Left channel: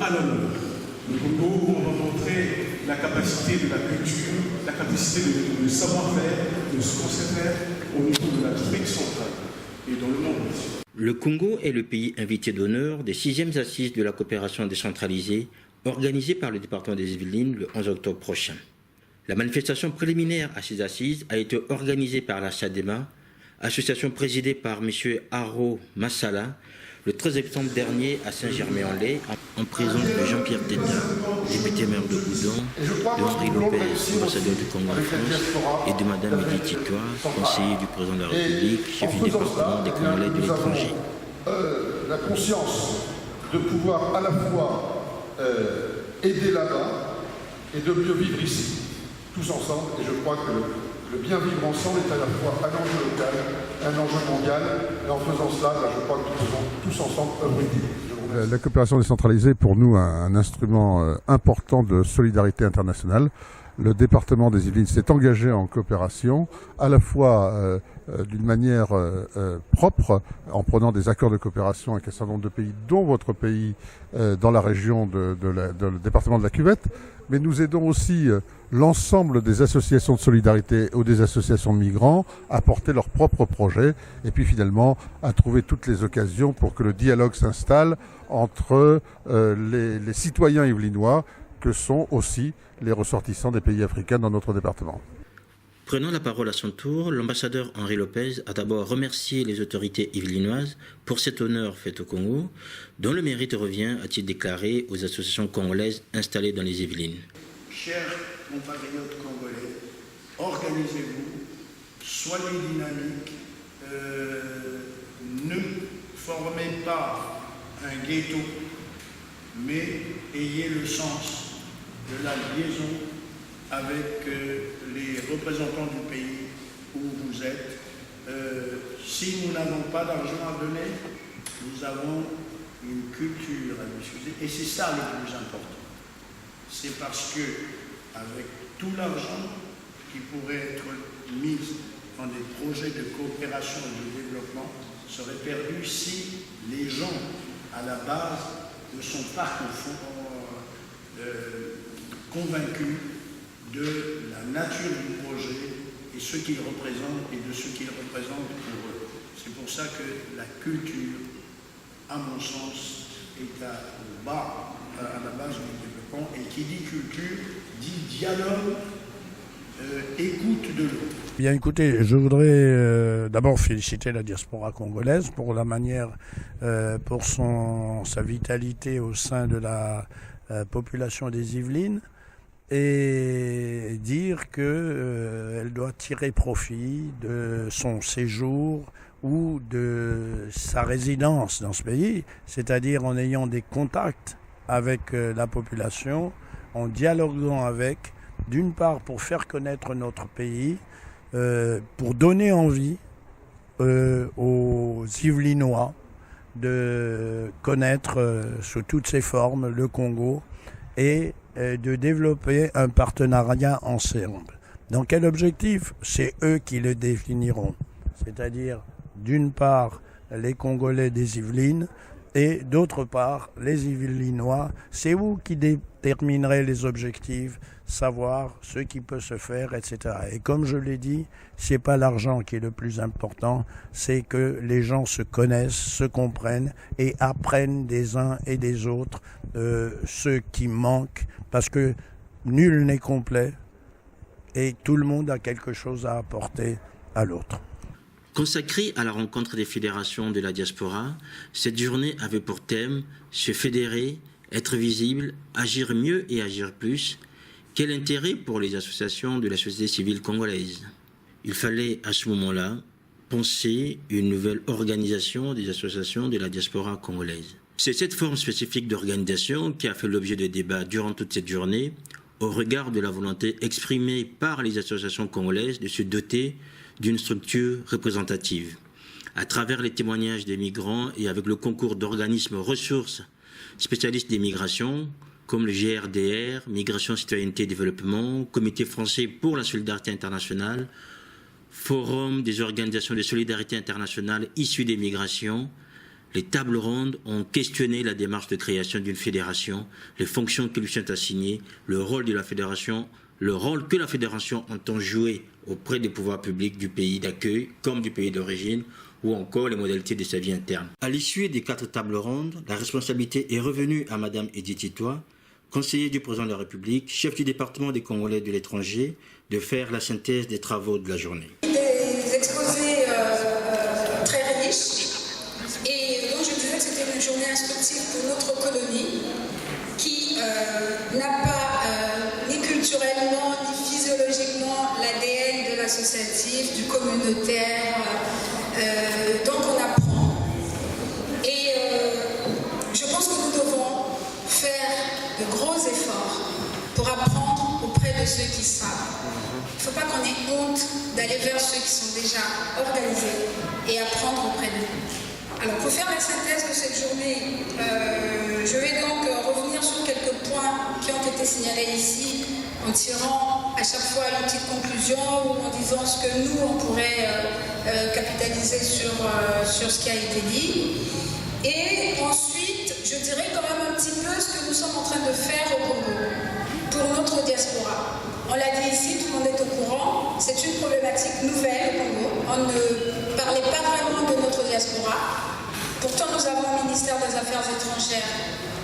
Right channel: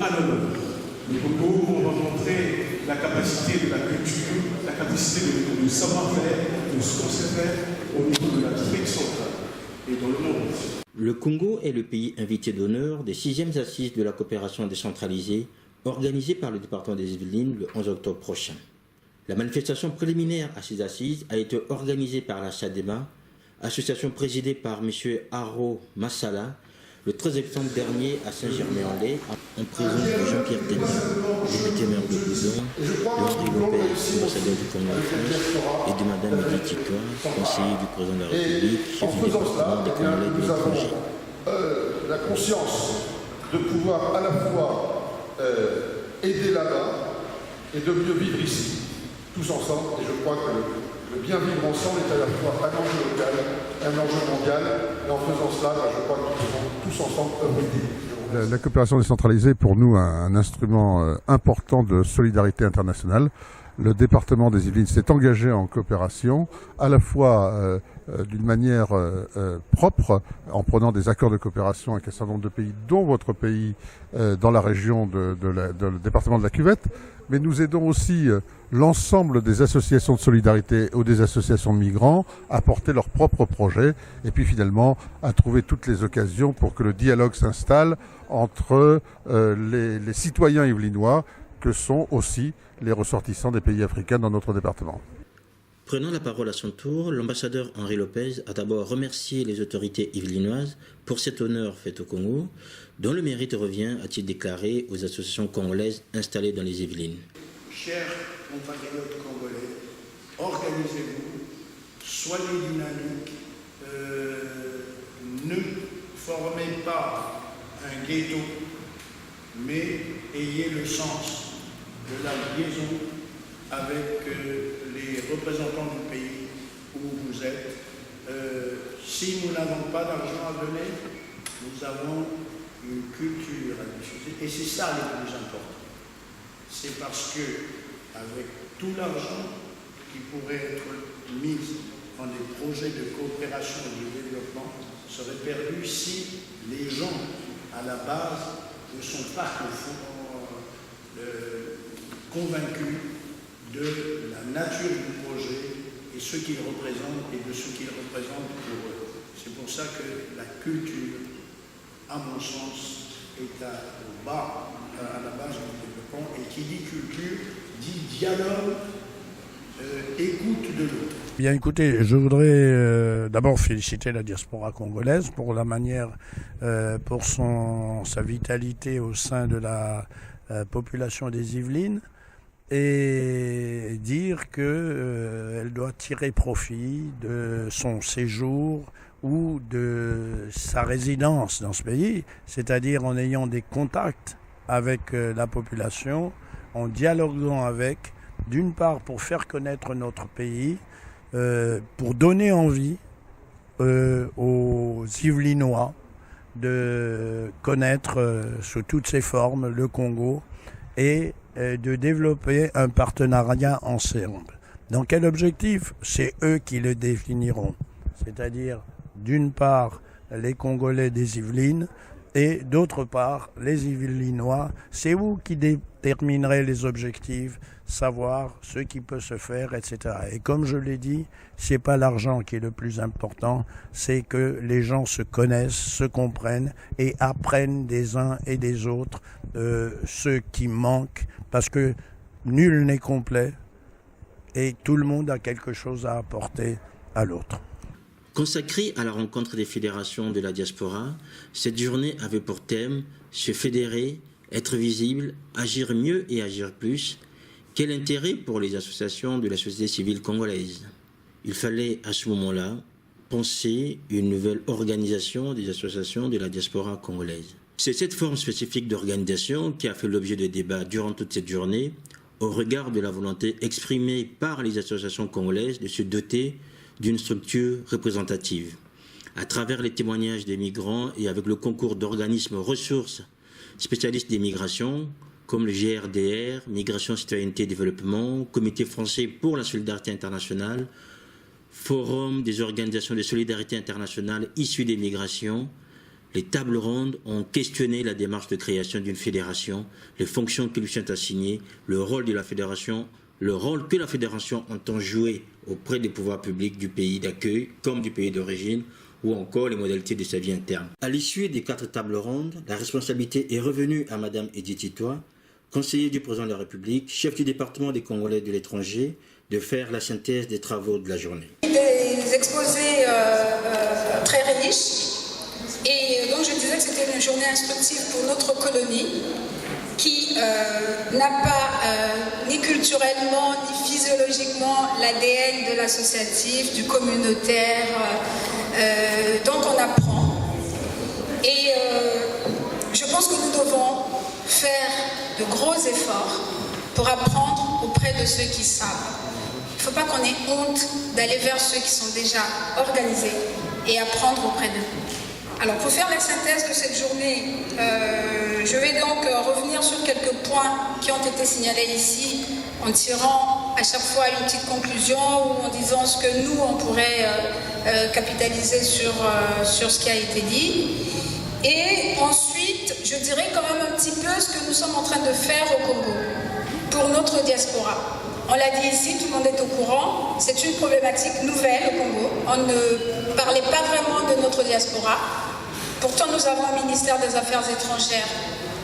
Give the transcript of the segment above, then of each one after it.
à l'honneur. Le Congo où on va montrer la capacité de la culture, la capacité de savoir-faire, de ce qu'on sait faire au niveau de l'Afrique centrale et dans le monde aussi. Le Congo est le pays invité d'honneur des 6e assises de la coopération décentralisée organisées par le département des Yvelines le 11 octobre prochain. La manifestation préliminaire à ces assises a été organisée par la SADEMA, association présidée par M. Haro Massala, le 13 septembre dernier à Saint-Germain-en-Laye, en présence de Jean-Pierre Teta, député maire de Goudon, de Henri Lopez, ambassadeur du Congo en France, et de Mme Edith Titois, conseiller du président de la République, chef du département des Congolais de l'étranger. La conscience de pouvoir à la fois aider là-bas et de mieux vivre ici, tous ensemble, et je crois que le bien vivre ensemble est à la fois un enjeu local, un enjeu mondial, et en faisant cela, je crois que nous faisons tous ensemble œuvre utile. La coopération décentralisée est pour nous un instrument important de solidarité internationale. Le département des Yvelines s'est engagé en coopération, à la fois d'une manière propre, en prenant des accords de coopération avec un certain nombre de pays, dont votre pays, dans la région le département de la Cuvette, mais nous aidons aussi l'ensemble des associations de solidarité ou des associations de migrants à porter leurs propres projets et puis finalement à trouver toutes les occasions pour que le dialogue s'installe entre les citoyens yvelinois que sont aussi les ressortissants des pays africains dans notre département. Prenant la parole à son tour, l'ambassadeur Henri Lopez a d'abord remercié les autorités yvelinoises pour cet honneur fait au Congo, dont le mérite revient, a-t-il déclaré, aux associations congolaises installées dans les Yvelines. Chers compatriotes congolais, organisez-vous, soyez dynamiques, ne formez pas un ghetto, mais ayez le sens de la liaison avec les représentants du pays où vous êtes. Si nous n'avons pas d'argent à donner, nous avons une culture à diffuser, et c'est ça le plus important. C'est parce que, avec tout l'argent qui pourrait être mis dans des projets de coopération et de développement serait perdu si les gens, à la base, ne sont pas convaincus de la nature du projet et ce qu'il représente et de ce qu'il représente pour eux. C'est pour ça que la culture, à mon sens, est à la base du développement, et qui dit culture, dit dialogue, écoute de l'autre. Bien écoutez, je voudrais d'abord féliciter la diaspora congolaise pour la manière, pour sa vitalité au sein de la population des Yvelines, et dire qu'elle doit tirer profit de son séjour ou de sa résidence dans ce pays, c'est-à-dire en ayant des contacts avec la population, en dialoguant avec, d'une part pour faire connaître notre pays, pour donner envie aux Yvelinois de connaître sous toutes ses formes le Congo et de développer un partenariat ensemble. Dans quel objectif? C'est eux qui le définiront. C'est-à-dire, d'une part, les Congolais des Yvelines et d'autre part, les Yvelinois. C'est vous qui déterminerez les objectifs, savoir ce qui peut se faire, etc. Et comme je l'ai dit, c'est pas l'argent qui est le plus important, c'est que les gens se connaissent, se comprennent et apprennent des uns et des autres ce qui manque, parce que nul n'est complet et tout le monde a quelque chose à apporter à l'autre. Consacrée à la rencontre des fédérations de la diaspora, cette journée avait pour thème se fédérer, être visible, agir mieux et agir plus. Quel intérêt pour les associations de la société civile congolaise? Il fallait à ce moment-là penser une nouvelle organisation des associations de la diaspora congolaise. C'est cette forme spécifique d'organisation qui a fait l'objet de débats durant toute cette journée, au regard de la volonté exprimée par les associations congolaises de se doter d'une structure représentative. À travers les témoignages des migrants et avec le concours d'organismes ressources spécialistes des migrations, comme le GRDR, Migration, Citoyenneté et Développement, Comité français pour la solidarité internationale, Forum des organisations de solidarité internationale issues des migrations, Les tables rondes ont questionné la démarche de création d'une fédération, les fonctions qui lui sont assignées, le rôle de la fédération, le rôle que la fédération entend jouer auprès des pouvoirs publics du pays d'accueil comme du pays d'origine, ou encore les modalités de sa vie interne. À l'issue des 4 tables rondes, la responsabilité est revenue à Mme Edith Itoa, conseiller du président de la République, chef du département des Congolais de l'étranger, de faire la synthèse des travaux de la journée. Des exposés très riches, et donc je disais que c'était une journée instructive pour notre colonie qui n'a pas ni culturellement ni physiologiquement l'ADN de l'associatif, du communautaire, donc on apprend. Et je pense que nous devons faire de gros efforts pour apprendre auprès de ceux qui savent. Il ne faut pas qu'on ait honte d'aller vers ceux qui sont déjà organisés et apprendre auprès d'eux. Alors, pour faire la synthèse de cette journée, je vais donc revenir sur quelques points qui ont été signalés ici, en tirant à chaque fois une petite conclusion ou en disant ce que nous, on pourrait capitaliser sur ce qui a été dit. Et ensuite, je dirais quand même un petit peu ce que nous sommes en train de faire au Congo pour notre diaspora. On l'a dit ici, tout le monde est au courant, c'est une problématique nouvelle au Congo. On ne parlait pas vraiment de notre diaspora. Pourtant, nous avons un ministère des Affaires étrangères.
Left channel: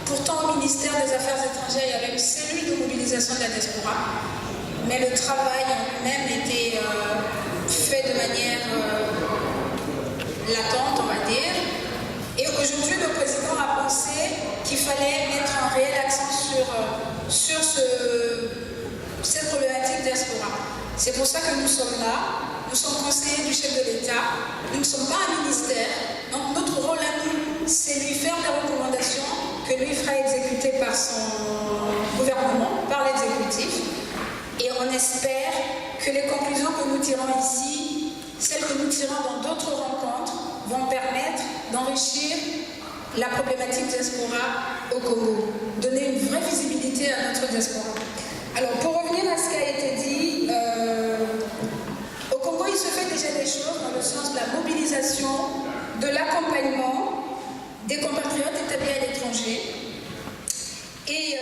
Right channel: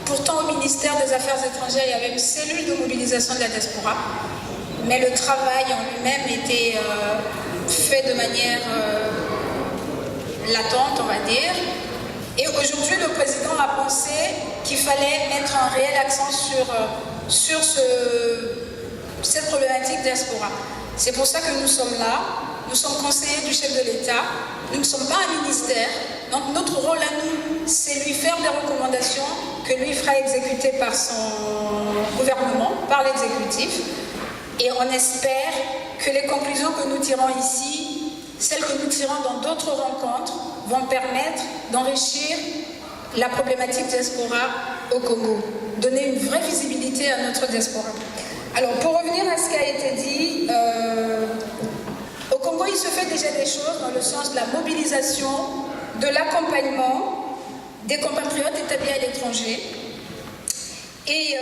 Pourtant, au ministère des Affaires étrangères, il y avait une cellule de mobilisation de la diaspora. Mais le travail en lui-même était fait de manière latente, on va dire. Et aujourd'hui, le président a pensé qu'il fallait mettre un réel accent sur cette problématique diaspora. C'est pour ça que nous sommes là. Nous sommes conseillers du chef de l'État. Nous ne sommes pas un ministère. Donc notre rôle à nous, c'est lui faire des recommandations que lui fera exécuter par son gouvernement, par l'exécutif. Et on espère que les conclusions que nous tirons ici, celles que nous tirons dans d'autres rencontres, vont permettre d'enrichir la problématique diaspora au Congo, donner une vraie visibilité à notre diaspora. Alors, pour revenir à ce qui a été dit, au Congo, il se fait déjà des choses dans le sens de la mobilisation, de l'accompagnement des compatriotes établis à l'étranger. Et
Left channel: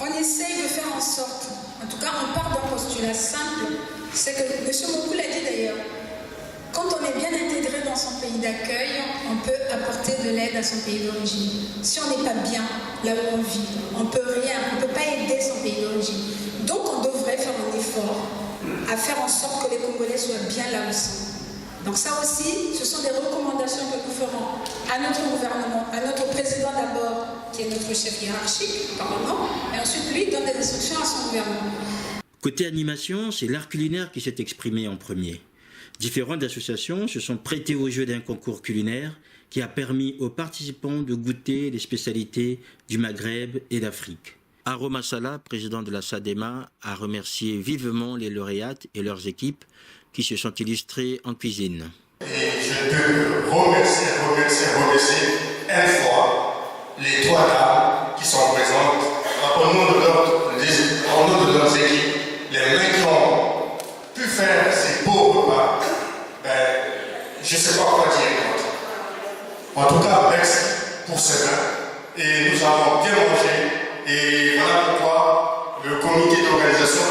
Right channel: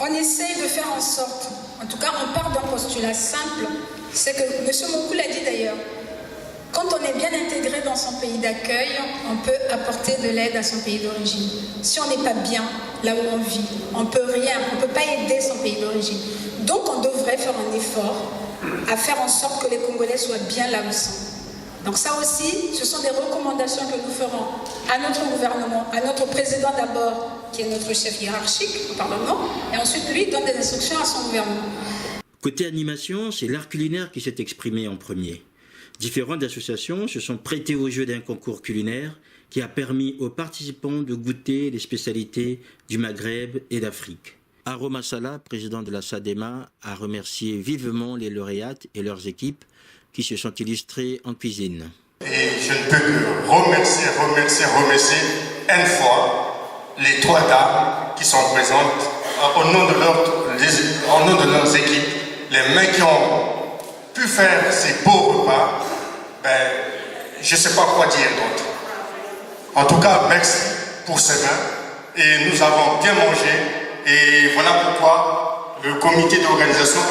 on essaye de faire en sorte, en tout cas, on part d'un postulat simple, c'est que M. Mokou l'a dit d'ailleurs, quand on est bien intégré dans son pays d'accueil, on peut apporter de l'aide à son pays d'origine. Si on n'est pas bien là où on vit, on ne peut rien, on ne peut pas aider son pays d'origine. Donc on devrait faire un effort à faire en sorte que les Congolais soient bien là où ils sont. Donc ça aussi, ce sont des recommandations que nous ferons à notre gouvernement, à notre président d'abord, qui est notre chef hiérarchique, Parlement, et ensuite lui donne des instructions à son gouvernement. Côté animation, c'est l'art culinaire qui s'est exprimé en premier. Différentes associations se sont prêtées au jeu d'un concours culinaire qui a permis aux participants de goûter les spécialités du Maghreb et d'Afrique. Aroma Sala, président de la SADEMA, a remercié vivement les lauréates et leurs équipes qui se sont illustrées en cuisine. Et je peux remercier une fois les 3 dames qui sont présentes au nom de leurs équipes, les mecs qui ont pu faire ces beaux repas. Je ne sais pas quoi dire. En tout cas, merci pour cela. Et nous avons bien mangé. Et voilà pourquoi le comité d'organisation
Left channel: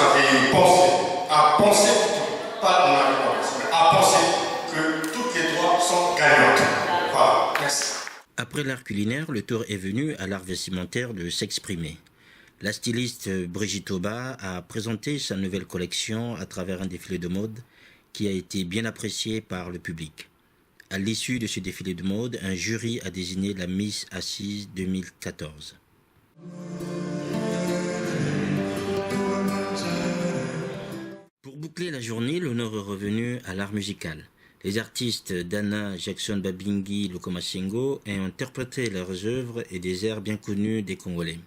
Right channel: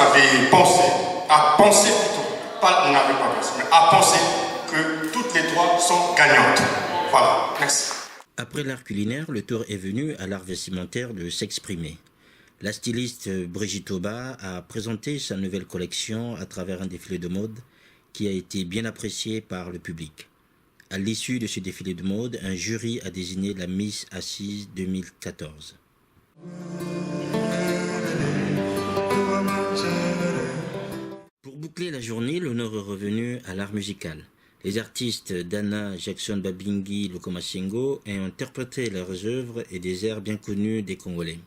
a pensé, que toutes les 3 sont gagnantes. Voilà, merci. Après l'art culinaire, le tour est venu à l'art vestimentaire de s'exprimer. La styliste Brigitte Auba a présenté sa nouvelle collection à travers un défilé de mode qui a été bien apprécié par le public. À l'issue de ce défilé de mode, un jury a désigné la Miss Assise 2014. Pour boucler la journée, l'honneur est revenu à l'art musical. Les artistes Dana, Jackson Babingi, Lokomasengo ont interprété leurs œuvres et des airs bien connus des Congolais.